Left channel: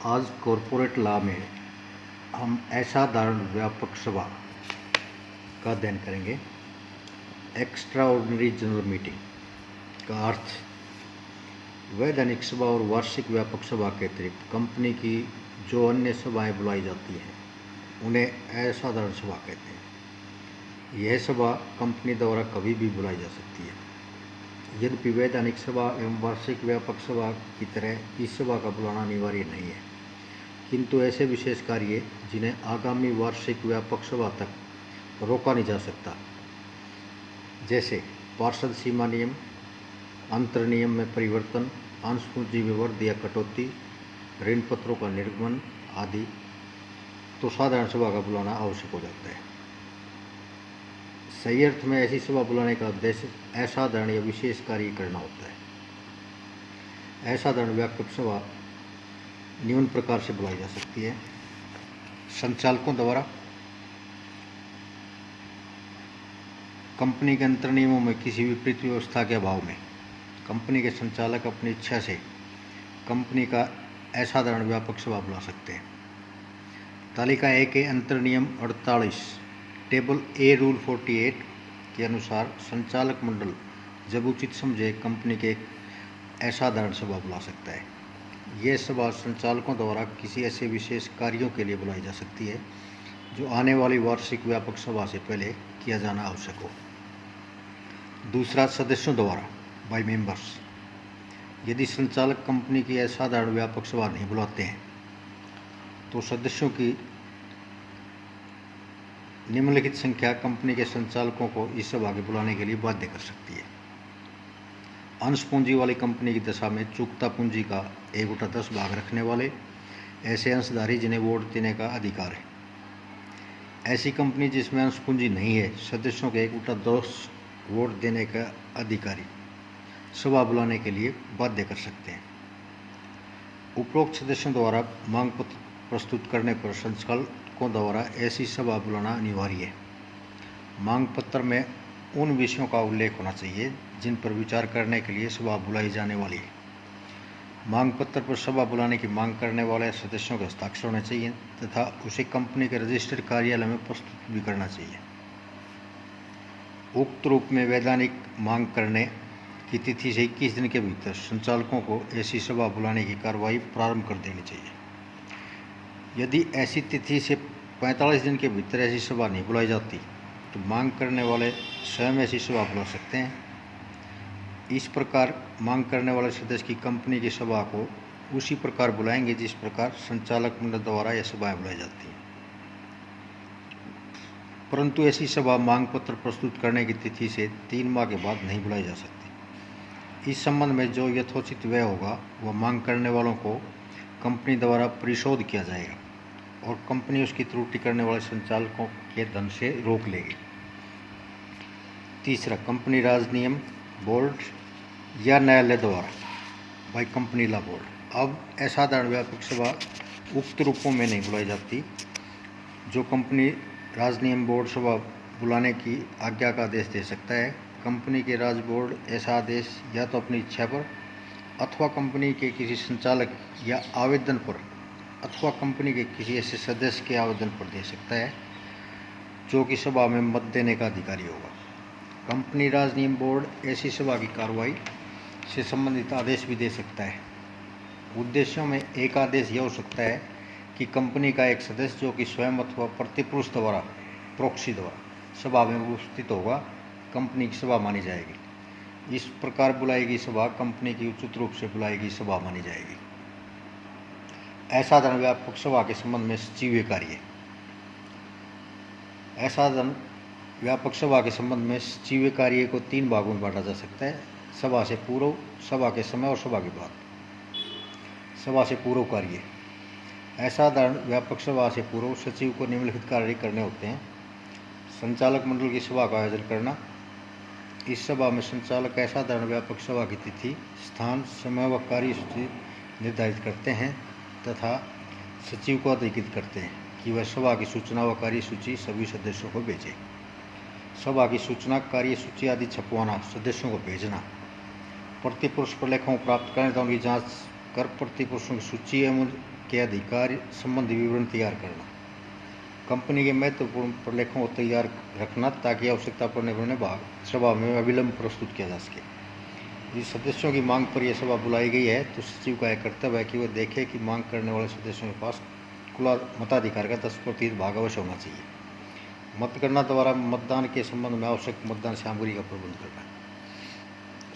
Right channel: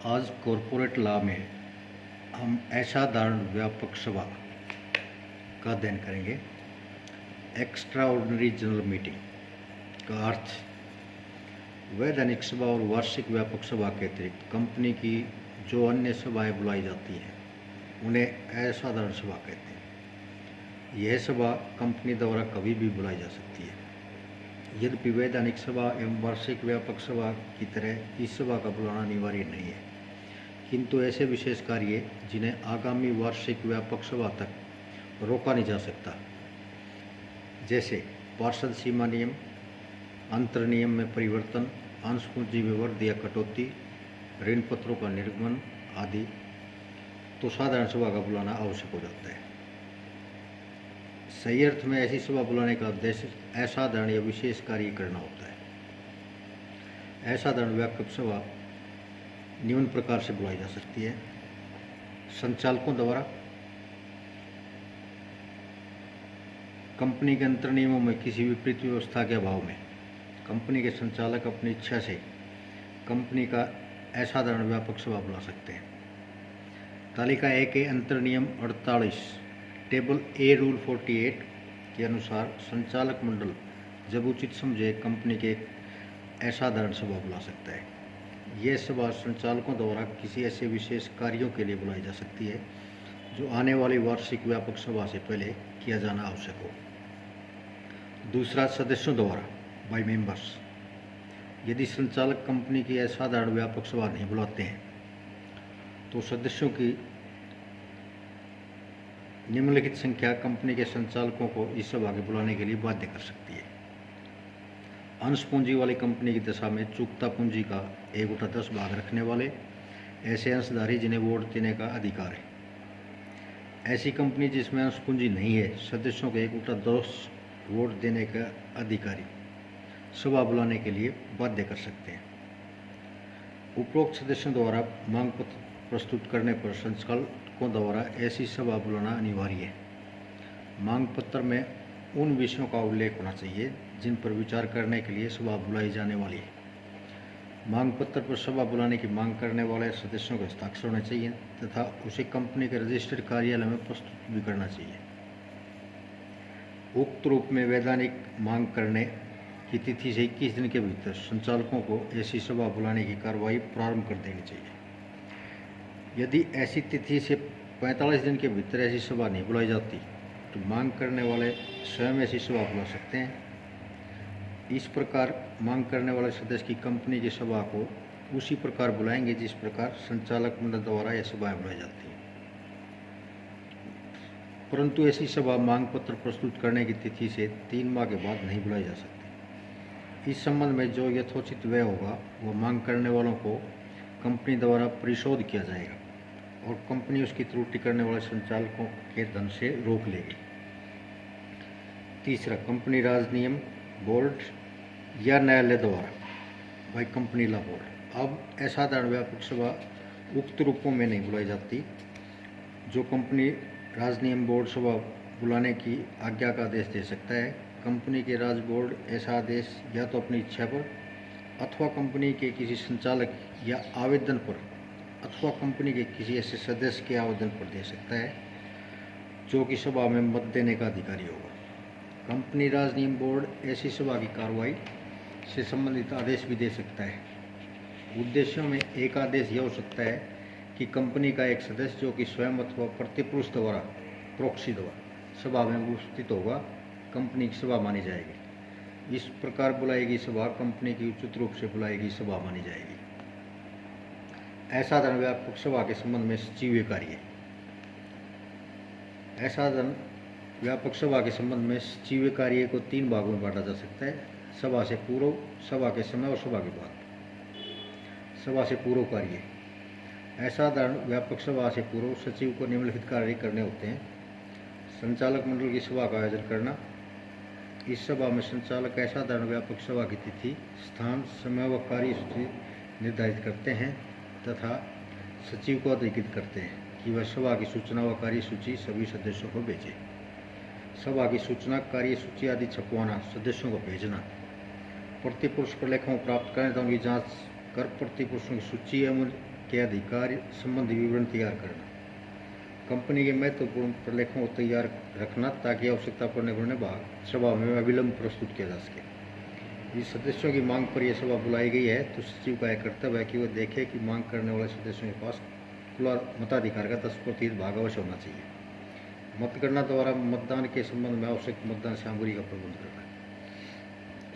आज corporate law में हम असाधारण व्यापक सभा का अध्ययन करेंगे। एक्स्ट्रा ऑर्डिनरी जनरल मीटिंग का अर्थ वैधानिक सभा और वार्षिक व्यापक सभा के अतिरिक्त कंपनी की जो अन्य सभाएं बुलाई जाती हैं उन्हें असाधारण सभा कहते हैं। यह सभा कंपनी द्वारा कभी भी बुलाई जा सकती है। यद्यपि वैधानिक सभा एवं वार्षिक व्यापक सभा की तरह इस सभा का बुलाना अनिवार्य नहीं है, किंतु ऐसे विशेष कार्य जिन्हें आगामी वार्षिक व्यापक सभा तक रोका नहीं जा सकता, जैसे पार्षद सीमा नियम, अंतर नियम में परिवर्तन, अंश पूंजी में वृद्धि या कटौती, ऋण पत्रों का निर्गमन आदि, तो साधारण सभा का बुलाना आवश्यक हो जाता है। सही अर्थ में ऐसी सभा बुलाने का उद्देश्य असाधारण या विशेष कार्य करना होता है। असाधारण व्यापक सभा निम्न प्रकार से बुलाई जा सकती है। संचालकों द्वारा कंपनी के अंतर नियमों में किसी विपरीत व्यवस्था के अभाव में कंपनी के संचालक अपनी इच्छा से कंपनी का असाधारण व्यापक सभा बुला सकते हैं। तालिका ए के अंतर नियम 48 टेबल ए रूल 48 के अनुसार संचालक मंडल जब उचित समझे कंपनी के एक असाधारण सभा बुला सकता है। यह सभा संचालकों द्वारा किसी ऐसे विशेष कार्यों के लिए बुलाई जा सकती है जो आने वाली वार्षिक व्यापक सभा से पहले किया जाना आवश्यक हो। दूसरा, सदस्यों द्वारा बाय मेंबर्स। यदि संचालक कंपनी की असाधारण व्यापक सभा नहीं बुलाते हैं तो सदस्यों की निम्नलिखित संख्या कंपनी के संचालकों को इस सभा के बुलाने के लिए बाध्य कर सकती है। अंश पूंजी वाली कंपनी की दशा में चूकता पूंजी का 1/10 भाग रखने वाले ऐसे अंशधारी जिन्हें वोट देने का अधिकार है। ऐसी कंपनी जिसमें अंश पूंजी नहीं है, सदस्यों के 1/10 वोट देने का अधिकारी सभा बुलाने के लिए बाध्य कर सकते हैं। उपरोक्त सदस्यों द्वारा मांग पत्र प्रस्तुत करने पर संचालकों द्वारा ऐसी सभा बुलाना अनिवार्य है। मांग पत्र में उन विषयों का उल्लेख होना चाहिए जिन पर विचार करने के लिए सभा बुलाई जाने वाली है। मांग पत्र पर सभा बुलाने की मांग करने वाले सदस्यों के हस्ताक्षर होने चाहिए तथा उसे कंपनी के रजिस्टर्ड कार्यालय में प्रस्तुत भी करना चाहिए। उक्त रूप में वैधानिक मांग करने की तिथि से 21 दिन के भीतर संचालकों को ऐसी सभा बुलाने की कार्रवाई प्रारंभ कर देनी चाहिए। यदि ऐसी तिथि से 45 दिन के भीतर ऐसी सभा नहीं बुलाई जाती तो मांग करने वाले स्वयं ऐसी सभा बुला सकते हैं। इस प्रकार मांग करने वाले सदस्य की कंपनी की सभा को उसी प्रकार बुलाएंगे जिस प्रकार संचालक मंडल द्वारा यह सभाएं बुलाई जाती हैं। परंतु ऐसी सभा मांग पत्र प्रस्तुत करने की तिथि से 3 माह के बाद नहीं बुलाई जा सकती। इस संबंध में जो यथोचित व्यय होगा वह मांग करने वालों को कंपनी द्वारा परिशोध किया जाएगा और कंपनी उसकी त्रुटि करने वाले संचालकों के धन से रोक लेगी। तीसरा, कंपनी राज नियम बोर्ड या न्यायालय द्वारा बाय कंपनी लॉ बोर्ड। अब असाधारण व्यापक सभा उक्त रूपों में नहीं बुलाई जाती। जो कंपनी राज नियम बोर्ड सभा बुलाने की आज्ञा का आदेश दे सकता है। कंपनी के राज बोर्ड ऐसा आदेश या तो अपनी इच्छा पर अथवा कंपनी के किसी संचालक या आवेदन पर अथवा कंपनी के किसी ऐसे सदस्य के आवेदन पर दे सकता है जो कि सभा में मत देने का अधिकारी होगा। कंपनी राज नियम बोर्ड ऐसी सभा की कार्रवाई से संबंधित आदेश भी दे सकता है। उद्देश्यों में एक आदेश यह हो सकता है कि कंपनी का एक सदस्य जो कि स्वयं अथवा प्रतिपुरुष द्वारा प्रॉक्सी द्वारा सभा में उपस्थित होगा, कंपनी की सभा मानी जाएगी। इस प्रकार बुलाई गई सभा कंपनी की उचित रूप से बुलाई गई सभा मानी जाएगी। असाधारण व्यापक सभा के संबंध में सचिवीय कार्य। असाधारण व्यापक सभा के संबंध में सचिवीय कार्य को 3 भागों में बांटा जा सकता है: सभा से पूर्व, सभा के समय और सभा के बाद। सभा से पूर्व कार्य। असाधारण व्यापक सभा से पूर्व सचिव को निम्नलिखित कार्य करने होते हैं: संचालक मंडल की सभा का आयोजन करना। इस सभा में संचालक असाधारण व्यापक सभा की तिथि, स्थान, समय व कार्यसूची निर्धारित करते हैं तथा सचिव को अधिकृत करते हैं कि वह सभा की सूचना व कार्यसूची सभी सदस्यों को भेजे। सभा की सूचना, कार्यसूची आदि छपवाना, सदस्यों को भेजना, प्रतिपुरुष प्रलेखों प्राप्त करने तथा उनकी जांच कर प्रतिपुरुषों की सूची एवं के अधिकार संबंधी विवरण तैयार करना, कंपनी के महत्वपूर्ण प्रलेखों को तैयार रखना ताकि आवश्यकता पड़ने पर उन्हें सभा में अविलंब प्रस्तुत किया जा सके। यदि सदस्यों की मांग पर यह सभा बुलाई गई है तो सचिव का यह कर्तव्य है कि वह देखे कि मांग करने वाले सदस्यों के पास कुल मताधिकार का 10% भाग अवश्य होना चाहिए। मतगणना द्वारा मतदान के संबंध में आवश्यक मतदान सामग्री का प्रबंध करना,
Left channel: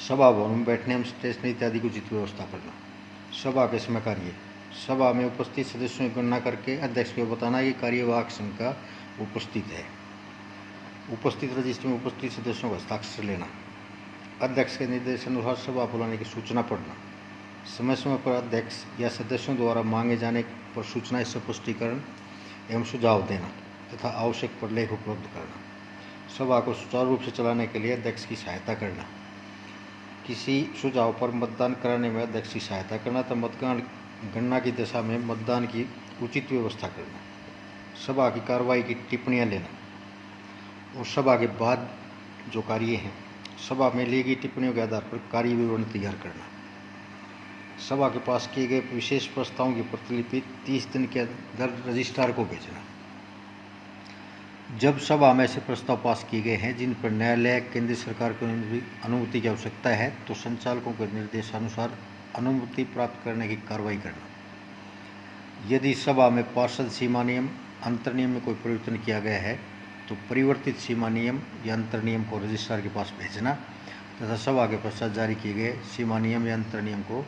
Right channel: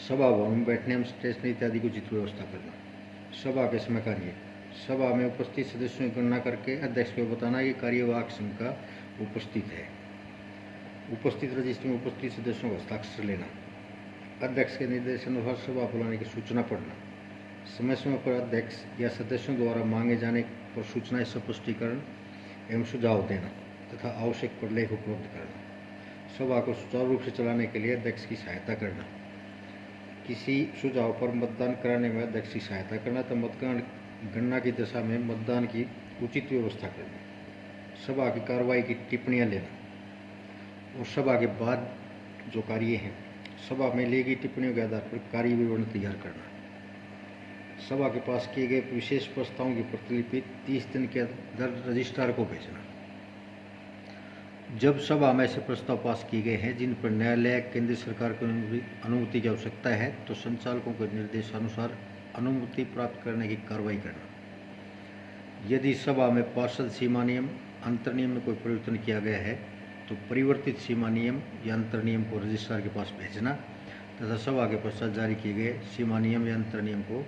सभा भवन में बैठने में स्टेशनरी इत्यादि की उचित व्यवस्था करना। सभा के समय कार्य, सभा में उपस्थित सदस्यों की गणना करके अध्यक्ष को बताना कि कार्यवाहक संघ का उपस्थित है। उपस्थित रजिस्टर में उपस्थित सदस्यों का हस्ताक्षर लेना, अध्यक्ष के निर्देशानुसार सभा बुलाने की सूचना पढ़ना, समय समय पर अध्यक्ष या सदस्यों द्वारा मांगे जाने पर सूचना स्पष्टीकरण एवं सुझाव देना तथा आवश्यक प्रलेख उपलब्ध करना। सभा को सुचारू रूप से चलाने के लिए अध्यक्ष की सहायता करना, किसी सुझाव पर मतदान कराने में अध्यक्ष की सहायता करना तथा मतगणना की दशा में मतदान की उचित व्यवस्था करना, सभा की कार्रवाई की टिप्पणियां लेना और सभा के बाद जो कार्य हैं सभा में ली गई टिप्पणियों के आधार पर कार्य विवरण तैयार करना, सभा के पास किए गए विशेष प्रस्तावों की प्रतिलिपि 30 दिन के अंदर रजिस्ट्रार को भेजना। जब सभा में ऐसे प्रस्ताव पास किए गए हैं जिन पर न्यायालय केंद्र सरकार की अनुमति की आवश्यकता है तो संचालकों के निर्देशानुसार अनुमति प्राप्त करने की कार्रवाई करना। यदि सभा में पार्षद सीमा नियम अंतर नियम में कोई परिवर्तन किया गया है तो परिवर्तित सीमा नियम या अंतर नियम को रजिस्ट्रार के पास भेजना तथा सभा के पश्चात जारी किए गए सीमा नियम या अंतर नियम को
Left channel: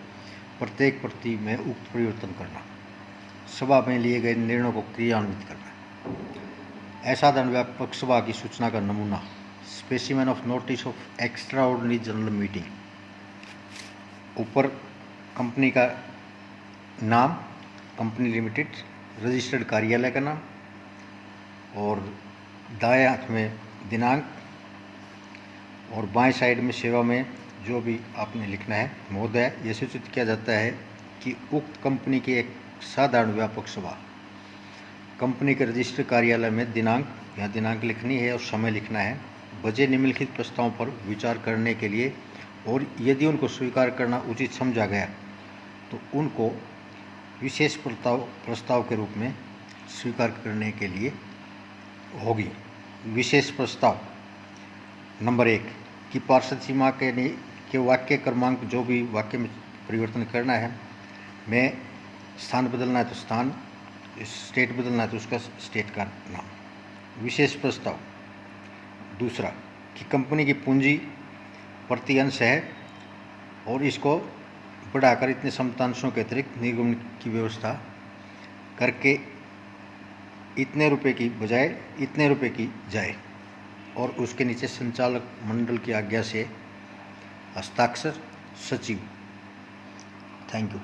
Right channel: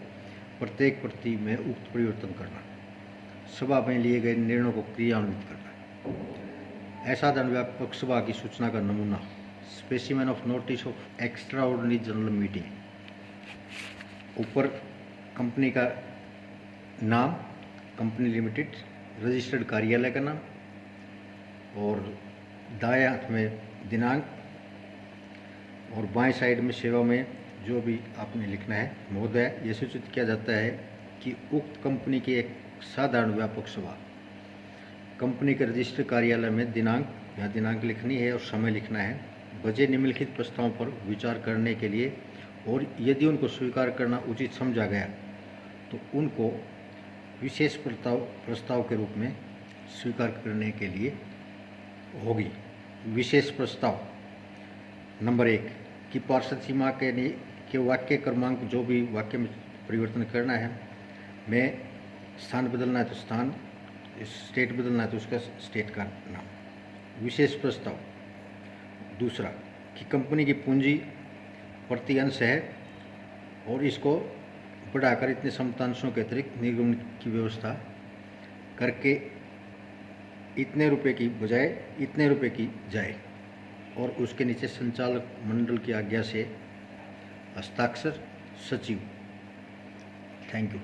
प्रत्येक प्रति में उक्त परिवर्तन करना, सभा में लिए गए निर्णयों को क्रियान्वित करना। असाधारण व्यापक सभा की सूचना का नमूना, specimen of notice of extra ordinary general meeting. ऊपर कंपनी का नाम, कंपनी लिमिटेड, रजिस्टर्ड कार्यालय का नाम और दाएं हाथ में दिनांक और बाएं साइड में सेवा में जो भी आपने लिखना है। महोदय, यह सूचित किया जाता है कि उक्त कंपनी की एक साधारण व्यापक सभा कंपनी के रजिस्टर कार्यालय में दिनांक लिखनी है और समय लिखना है, बजे निम्नलिखित प्रस्तावों पर विचार करने के लिए और यदि उनको स्वीकार करना उचित समझा गया तो उनको विशेष प्रस्ताव के रूप में स्वीकार करने के लिए होगी। विशेष प्रस्ताव नंबर 1 कि पार्षद सीमा के वाक्य क्रमांक, जो भी वाक्य में परिवर्तन करना है, में स्थान बदलना है तो स्थान, स्टेट बदलना है तो उसका स्टेट का नाम। विशेष प्रस्ताव दूसरा कि कंपनी की पूंजी प्रति अंश है और इसको बढ़ाकर इतने समतांशों के अतिरिक्त निर्गमन की व्यवस्था करके इतने रुपए की बजाय इतने रुपए की जाए और उसके नीचे संचालक मंडल की आज्ञा से हस्ताक्षर सचिव। Thank you.